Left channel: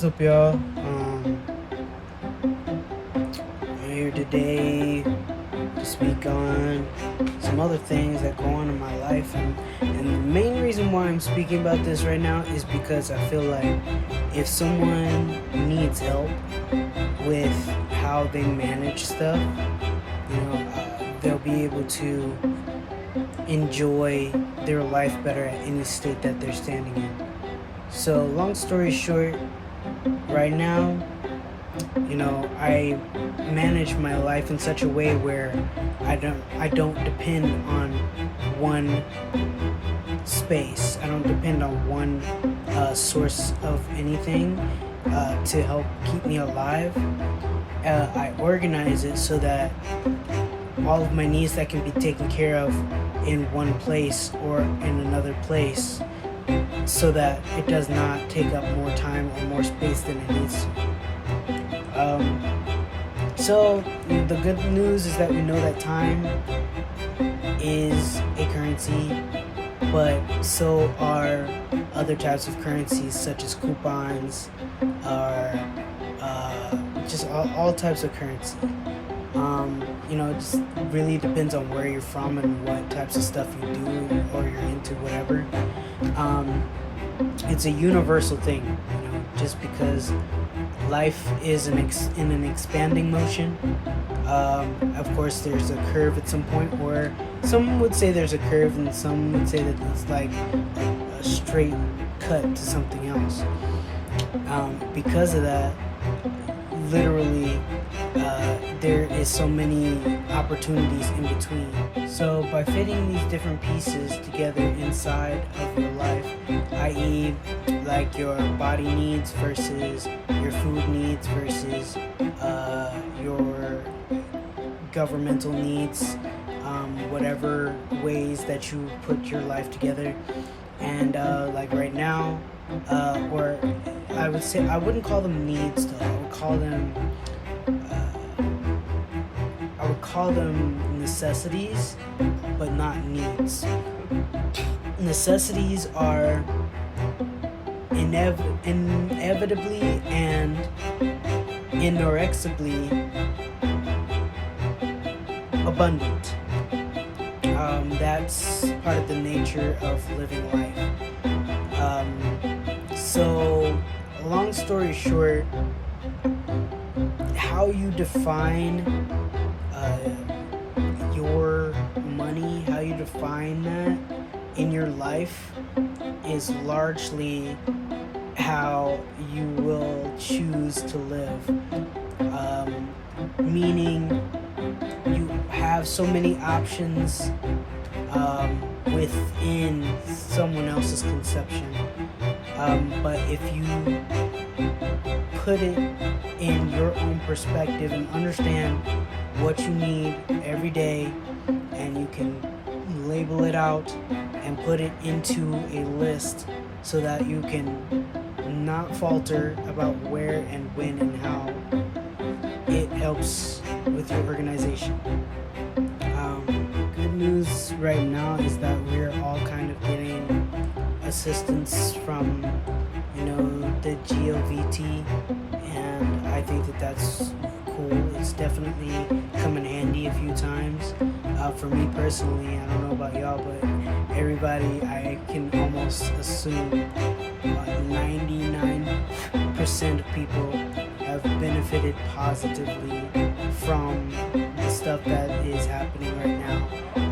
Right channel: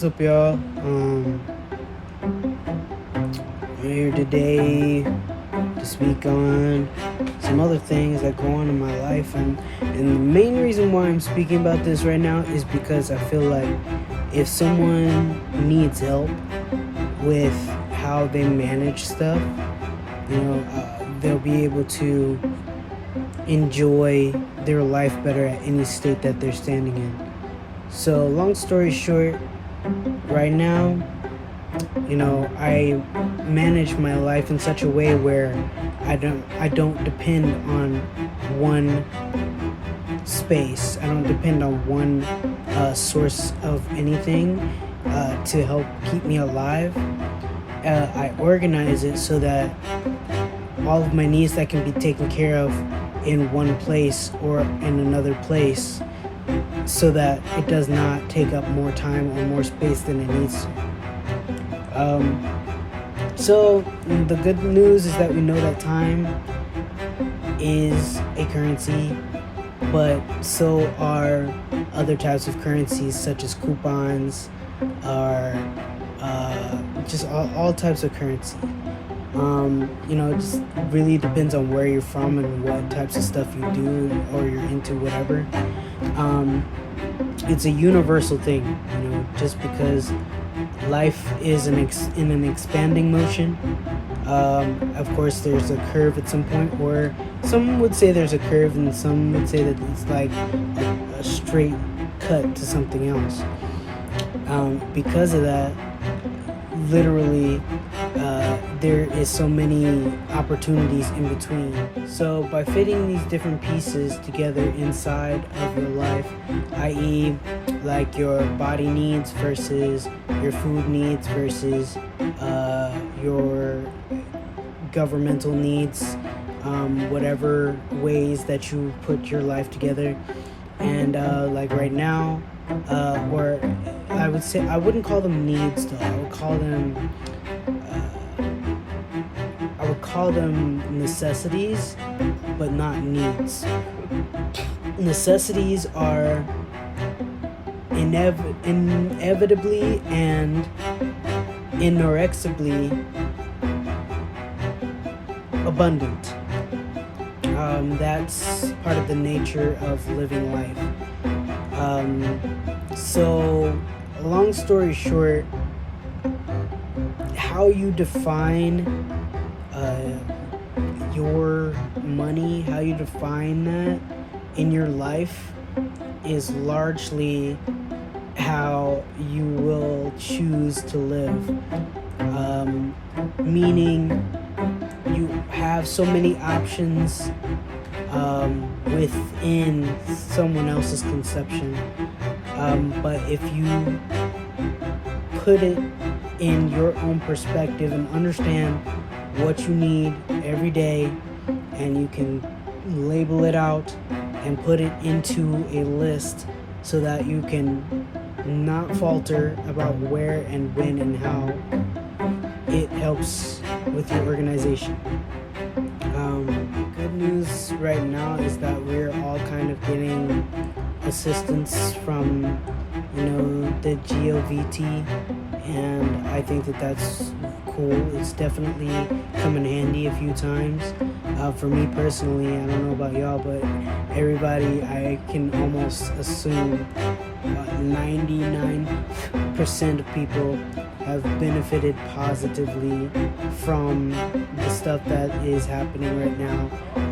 What's up, y'all? I'm here today to speak on some other things that go on in my life, and the main reason why I'm speaking about this right now is because I feel like if someone needs help with how they manage stuff, they'll be able to enjoy their life better at any state that they're standing in. So, long story short, right now, I manage my life in such a way where I don't depend on one space. I don't depend on one source of anything to help keep me alive. I organize it so that all of my needs that can be taken care of in one place or in another place, so that it does not take up more time or more space than it needs to. So the good news is that we know that time is a currency, but so are other types of currencies such as coupons, or just all types of currency. It just really depends on where you're from and what types of stuff you do or you're into, whatever. It's a universal thing, just because life is in an expanding motion. Of course, there's a curve at some point, or some would say there's a curve, and some would say that it's like a straight cut to something else. Because of that, literally, there is so many opportunities in between. So by fitting these different pieces together inside of your life, i.e. like your body needs versus your food needs versus your governmental needs, whatever ways that you put your life together. And like right now, where I would say, I wouldn't call them needs though, I would call them necessities, but not needs. Necessities are inevitably and inexorably abundant. That's part of the nature of living life. So, long story short, how you define your money, how you define that in your life, is largely how you will choose to live. Meaning, you have so many options within someone else's conception. But if you put it in your own perspective and understand what you need every day, and you can label it out and put it into a list so that you can not falter about where and when and how, it helps with your organization. Good news right now is that we're all kind of getting assistance from the GOVT, and I think that that's cool. It's definitely come in handy a few times. For me personally, I don't know about y'all, but everybody, I can almost assume 99% of people have benefited positively from the stuff that is happening right now,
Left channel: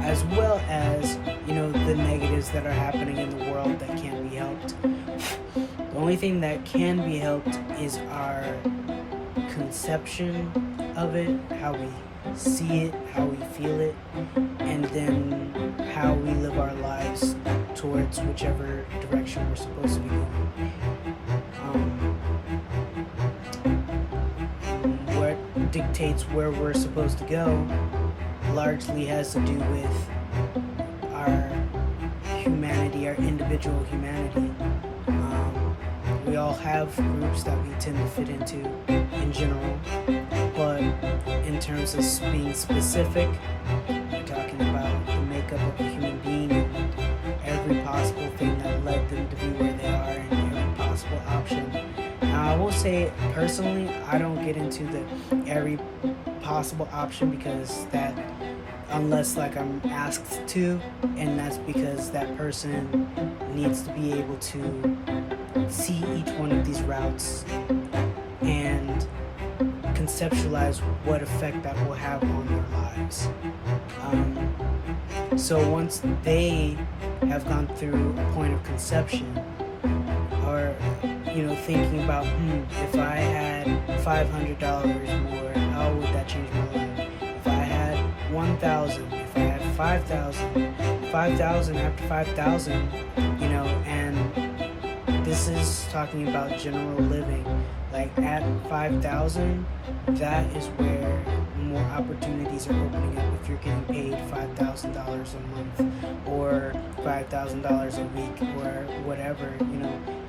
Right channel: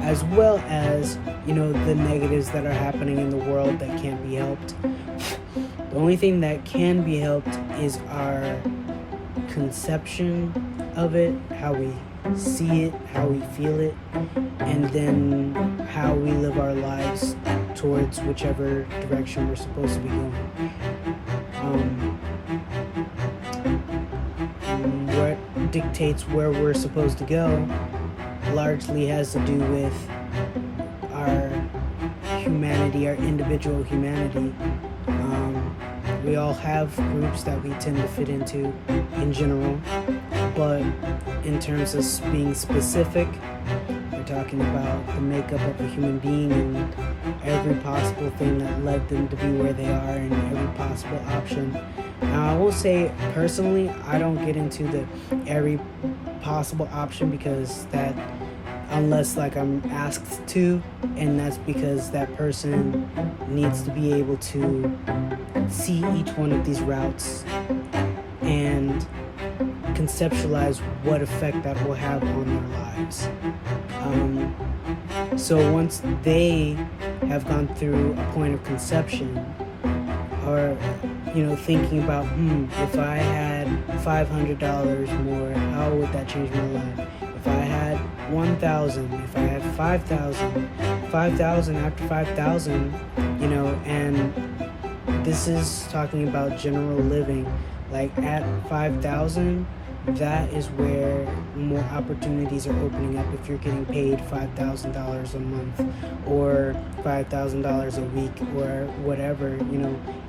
as well as the negatives that are happening in the world that can't be helped. The only thing that can be helped is our conception of it, how we see it, how we feel it, and then how we live our lives towards whichever direction we're supposed to be going. What dictates where we're supposed to go largely has to do with our humanity, our individual humanity. We all have groups that we tend to fit into in general, but in terms of being specific, we're talking about the makeup of a human being every possible thing that led them to be where they are and every possible option. I will say, personally, I don't get into the every possible option because that, unless like I'm asked to, and that's because that person needs to be able to see each one of these routes and conceptualize what effect that will have on their lives. So once they have gone through a point of conception, or thinking about, if I had $500 more, how would that change my life? If I had 1,000, if I had 5,000, 5,000 after 5,000, and this is talking about general living. Like at 5,000, that is where more opportunities are opening up if you're getting paid $5,000 a month or $5,000 a week or whatever.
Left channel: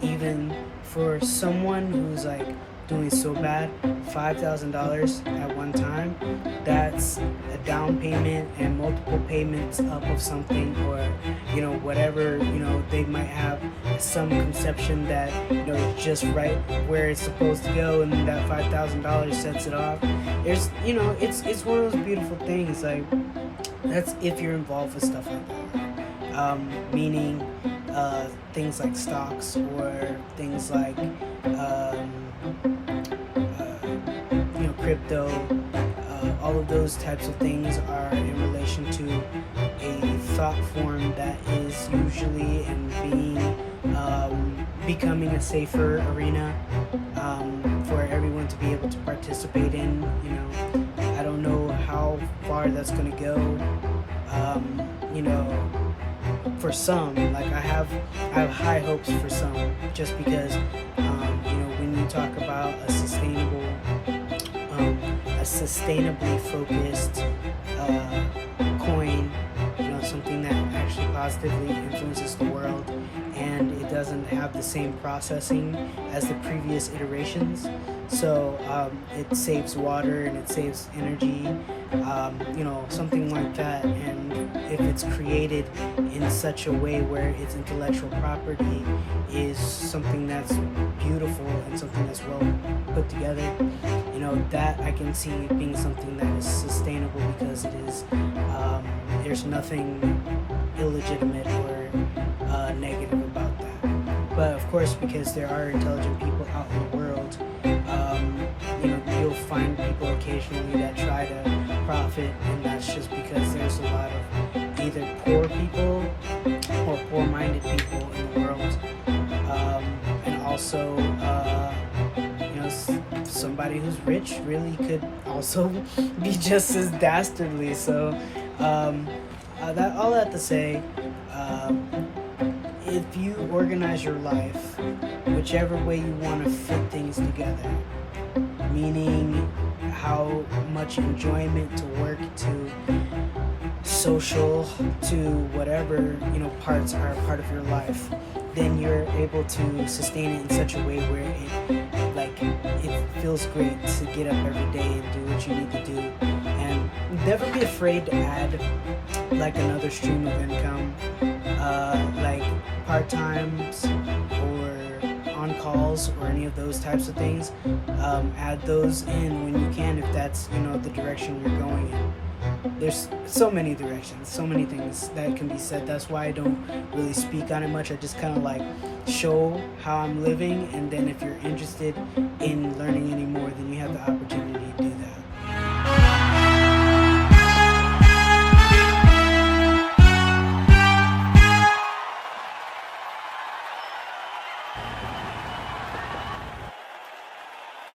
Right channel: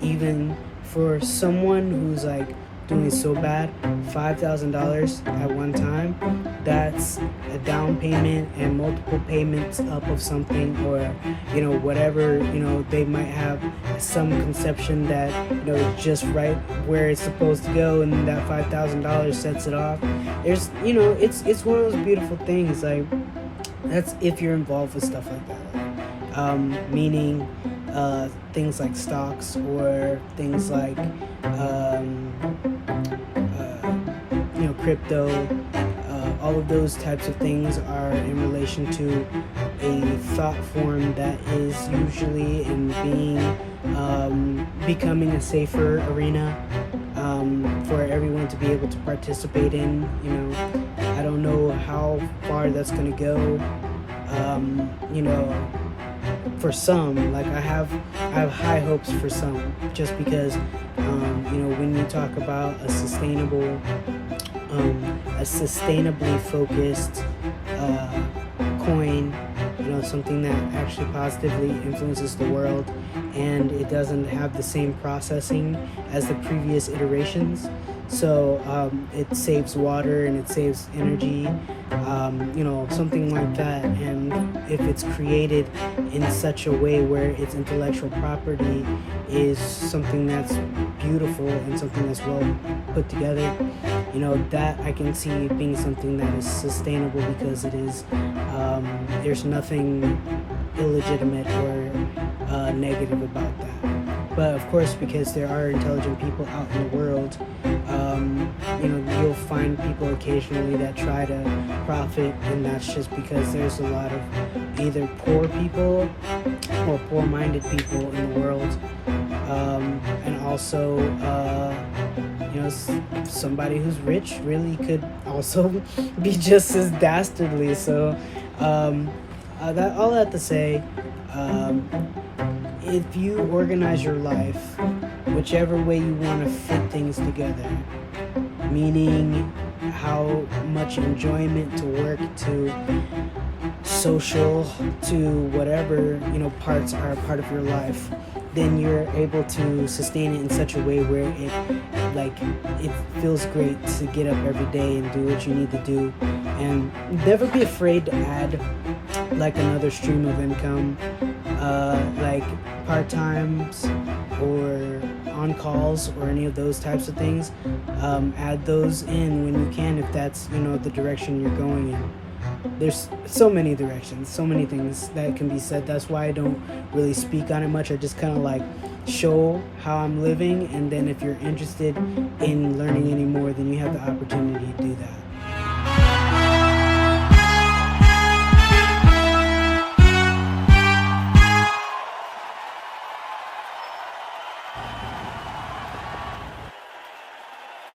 Even for someone who's like doing so bad, $5,000 at one time, that's a down payment and multiple payments up of something, or whatever, they might have some conception that it's just right where it's supposed to go, and that $5,000 sets it off. There's it's one of those beautiful things. Like, that's if you're involved with stuff like that, meaning things like stocks or things like crypto. All of those types of things are in relation to a thought form that is usually in becoming a safer arena for everyone to be able to participate in. I don't know how far that's going to go. For some, like I have high hopes for some, just because when you talk about a sustainably focused coin, something that actually positively influences the world, and it doesn't have the same processing as the previous iterations. So it saves water and it saves energy, something like that. And if it's created in such a way where its intellectual property is something that's beautiful and something that's well put together, that I can see being something that is sustainable, because it is, there's nothing illegitimate or negative about that. But of course, because there are intelligent people out in the world, you'll find people occasionally that try to profit, and that's just because there's a lot of either poor people or poor-minded people in the world, and also somebody who's rich really could also be just as dastardly. So all that to say, if you organize your life whichever way you want to fit things together, meaning how much enjoyment to work, to social, to whatever parts are a part of your life, then you're able to sustain it in such a way where it feels great to get up every day and do what you need to do, and never be afraid to add like another stream of income, like part-times or on-calls or any of those types of things. Add those in when you can, if that's the direction you're going in. There's so many directions, so many things that can be said. That's why I don't really speak on it much. I just kind of like show how I'm living, and then if you're interested in learning any more, then you have the opportunity to do that.